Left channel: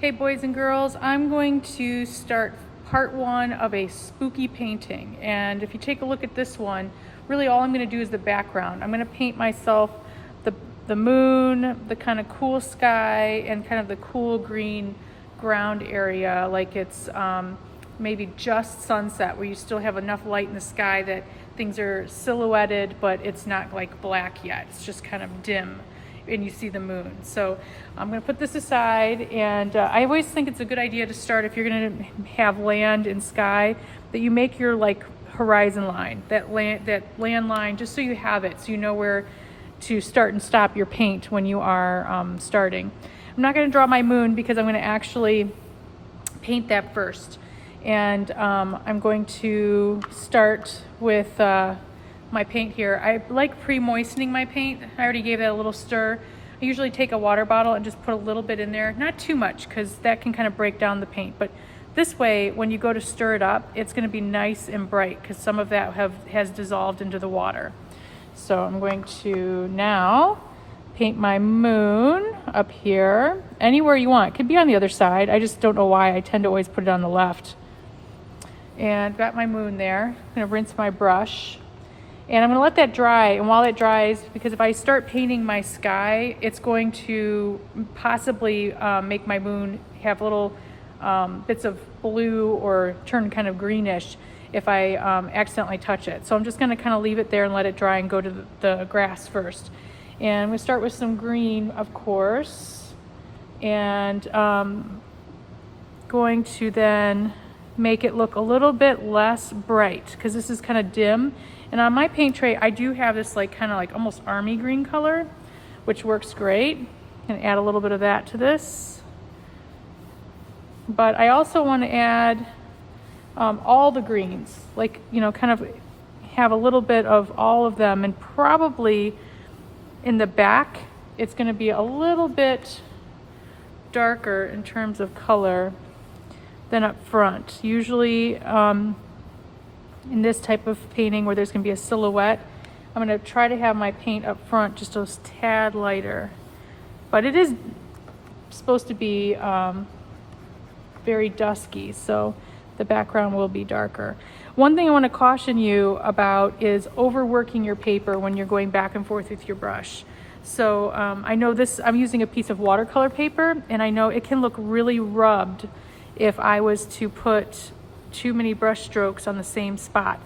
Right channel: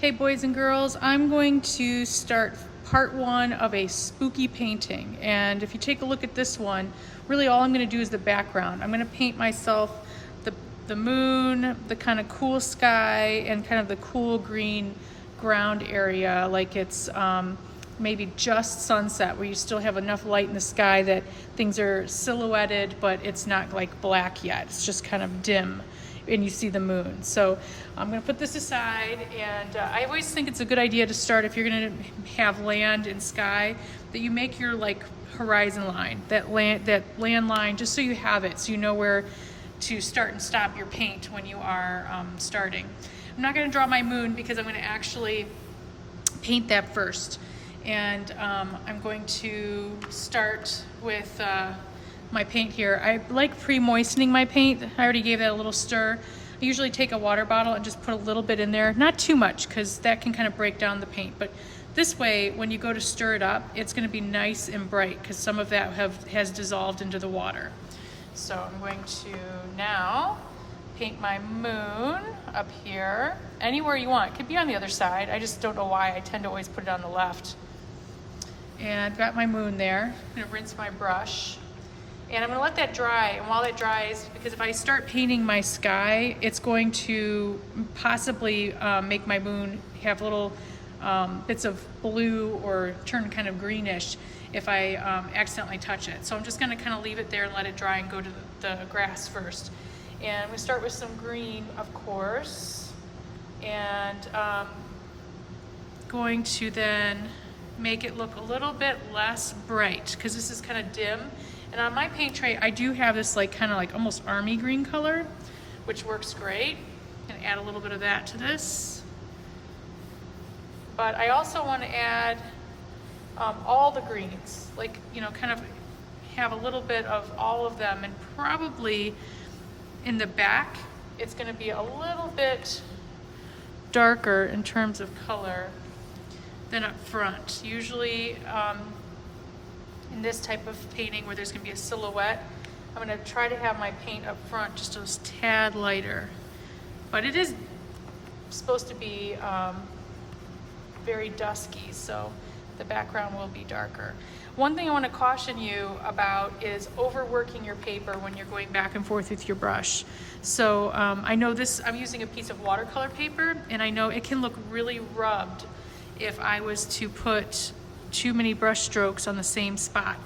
Hey boys and girls, I'm going to start part one of a spooky painting. And if you take a look at this one, really all I'm going to do is the background. I'm going to paint myself the moon, the kind of cool sky, and kind of the cool green ground area, like it's maybe just sunset, where you still have enough light in the sky that things are silhouetted, but it's not like black yet. It's just kind of dim and you see the moon. So I'm going to put this aside, and I always think it's a good idea to start, if you're going to have land and sky, that you make your like horizon line, that land line, just so you have it, so you know where to start and stop your paint when you are starting. I'm not going to draw my moon because I'm going to actually paint that first, and I'm going to start with my paint here. I like pre-moistening my paint. I already gave that a little stir. I usually take a water bottle and just put a little bit in there, not too much, because that can kind of break down the paint, but this way when you go to stir it up, it's going to be nice and bright because some of that has dissolved into the water. So I'm going to now paint my moon up here, anywhere you want. It could be on the other side. I just don't know why I tend to always put it on the left. And got my moon there. I'm going to rinse my brush. And I'm going to let that dry, and while it dries, because if I start painting my sky, it's going to possibly make my moon have little bits of blue or turn kind of greenish if I accidentally touch it. So I'm just going to kind of leave it there and let it dry and go to the grass first. And we start with some green, of course, and going to then make it look a little bit less bright because this is kind of dim. And on my paint tray, I do have this like kind of like almost army green color, which works great. And add a little bit of that to this. But I also want to add all the greens, like, you know, kind of have a little bit of all of them. And probably in the back, it's going to be a little bit darker in terms of color than up front. Usually, in this type of painting where there's going to be a silhouette, I'm going to try to have my paint up front just a tad lighter. But it is supposed to be very dusky, so the background will be darker. One thing I want to caution you about is overworking your paper when you're going back and forth with your brush. So I know this, I'm using a piece of watercolor paper, and I know it can look really rubbed if I was to put too many brush strokes on the same spot.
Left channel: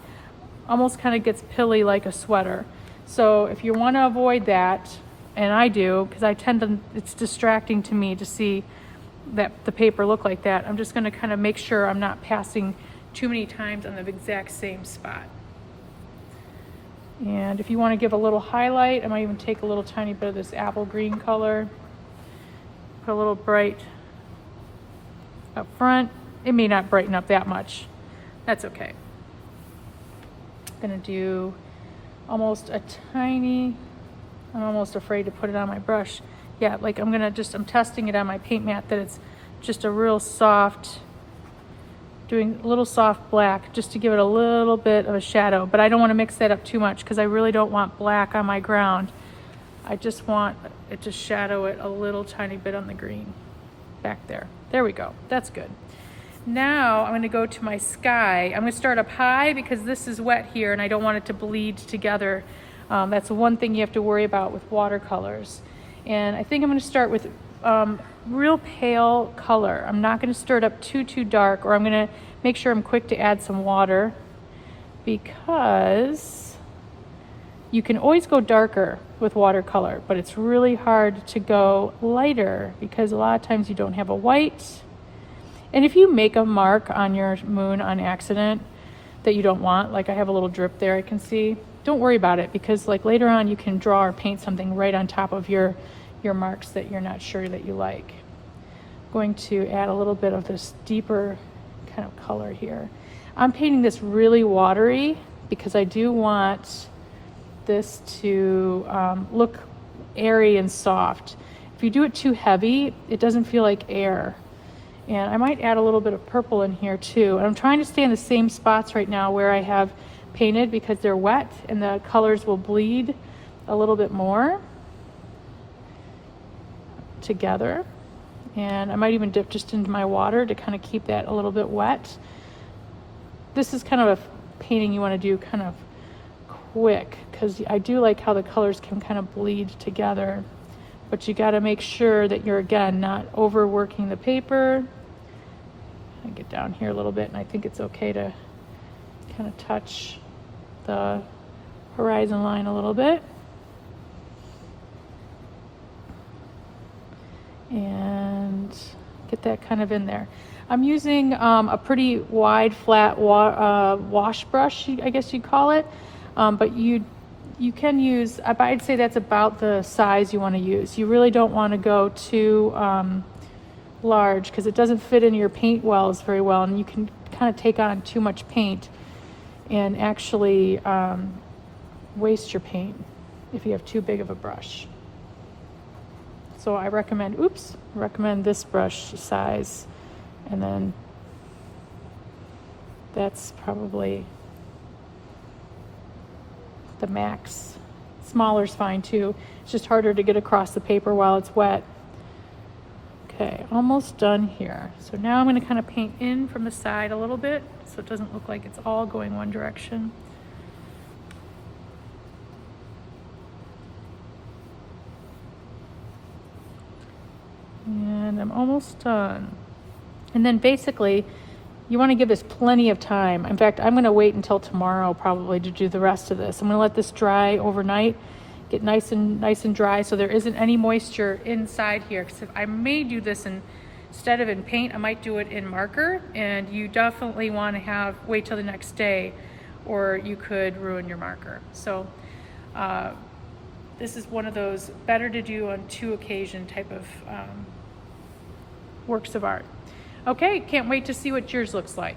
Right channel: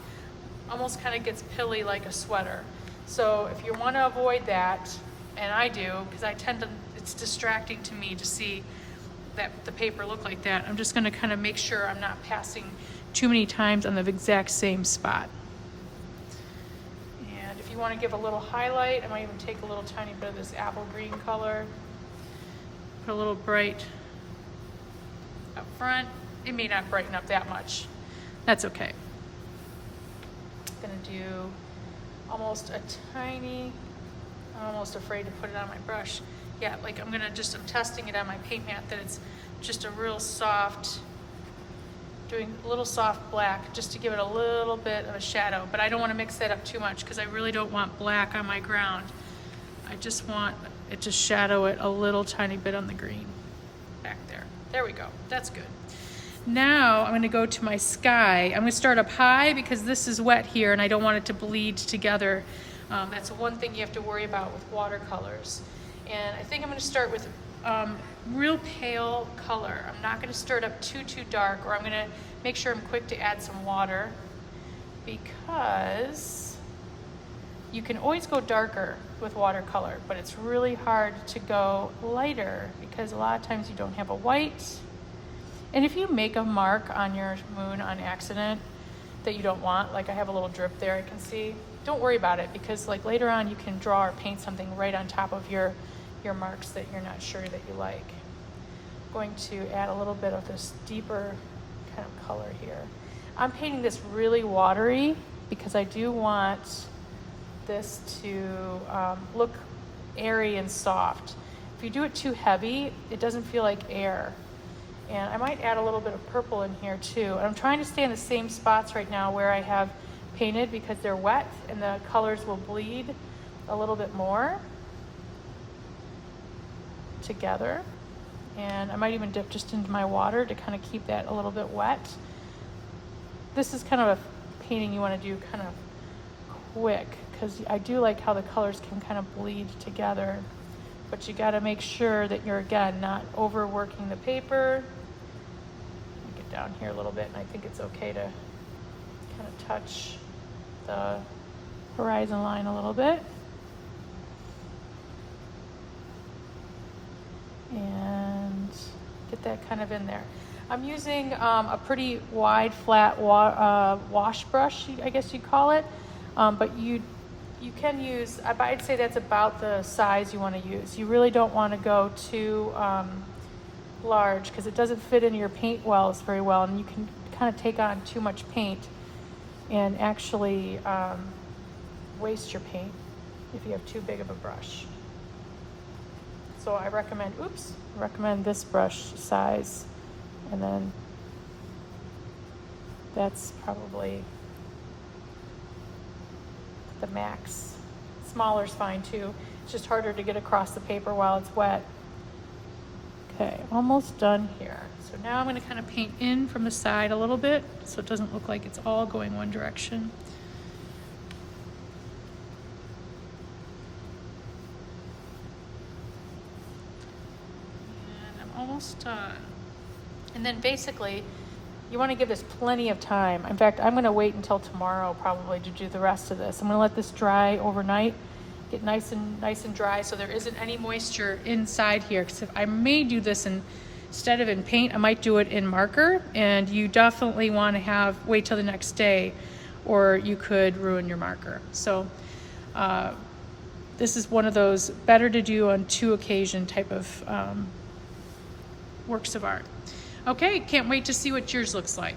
Almost kind of gets pilly like a sweater. So if you want to avoid that, and I do, because I tend to, it's distracting to me to see that the paper look like that, I'm just going to kind of make sure I'm not passing too many times on the exact same spot. And if you want to give a little highlight, I might even take a little tiny bit of this apple green color, put a little bright up front. It may not brighten up that much. That's okay. I'm gonna do almost a tiny, I'm almost afraid to put it on my brush. Yeah, like I'm testing it on my paint mat that it's just a real soft, doing a little soft black just to give it a little bit of a shadow. But I don't want to mix that up too much because I really don't want black on my ground. I just want it to shadow it a little tiny bit on the green back there. There we go. That's good. Now I'm going to go to my sky. I'm going to start up high because this is wet here and I don't want it to bleed together. That's one thing you have to worry about with watercolors. And I think I'm going to start with real pale color. I'm not going to stir it up too dark, or I'm going to make sure I'm quick to add some water, because you can always go darker with watercolor, but it's really hard to go lighter because a lot of times you don't have a white. And if you make a mark on your moon on accident that you don't want, like I have a little drip there I can see, don't worry about it, because like later on you can draw or paint something right on top of your marks that you're not sure that you like. I'm going to add a little bit of this deeper kind of color here. I'm painting this really watery because I do want this to look airy and soft. If you do it too heavy, it doesn't feel like air. And I might add a little bit of purple in here too. And I'm trying to stay in the same spots right now where I have painted because they're wet and the colors will bleed a little bit more together. And I might even dip just into my water to kind of keep that a little bit wet. This is kind of a painting you want to do kind of quick, because I do like how the colors can kind of bleed together. But you got to make sure that you're, again, not overworking the paper. I'll get down here a little bit, and I think it's okay to kind of touch the horizon line a little bit. And get that kind of in there. I'm using a pretty wide, flat wash brush, I guess you'd call it. But you can use, I'd say that's about the size you want to use. You really don't want to go too large, because it doesn't fit in your paint wells very well, and you can kind of take on too much paint and actually waste your paint if you have too big of a brush. So I recommend this brush size, and then that's probably the max. Smaller's fine too. It's just harder to get across the paper while it's wet. Okay, almost done here. So now I'm going to kind of paint in from the side a little bit so it doesn't look like it's all going one direction. And I'm almost done. And then basically, you want to give this plenty of time. In fact, I'm going to wait until tomorrow probably to do the rest of this. I'm going to let this dry overnight, get nice and dry, so there isn't any moisture inside here. Because I may do this instead of in paint, I might do it in marker, and you definitely want to wait till the next day, or you could ruin your marker. So this is one of those better to do on 2 occasion type of works of art. Okay, can't wait to see what yours looks like.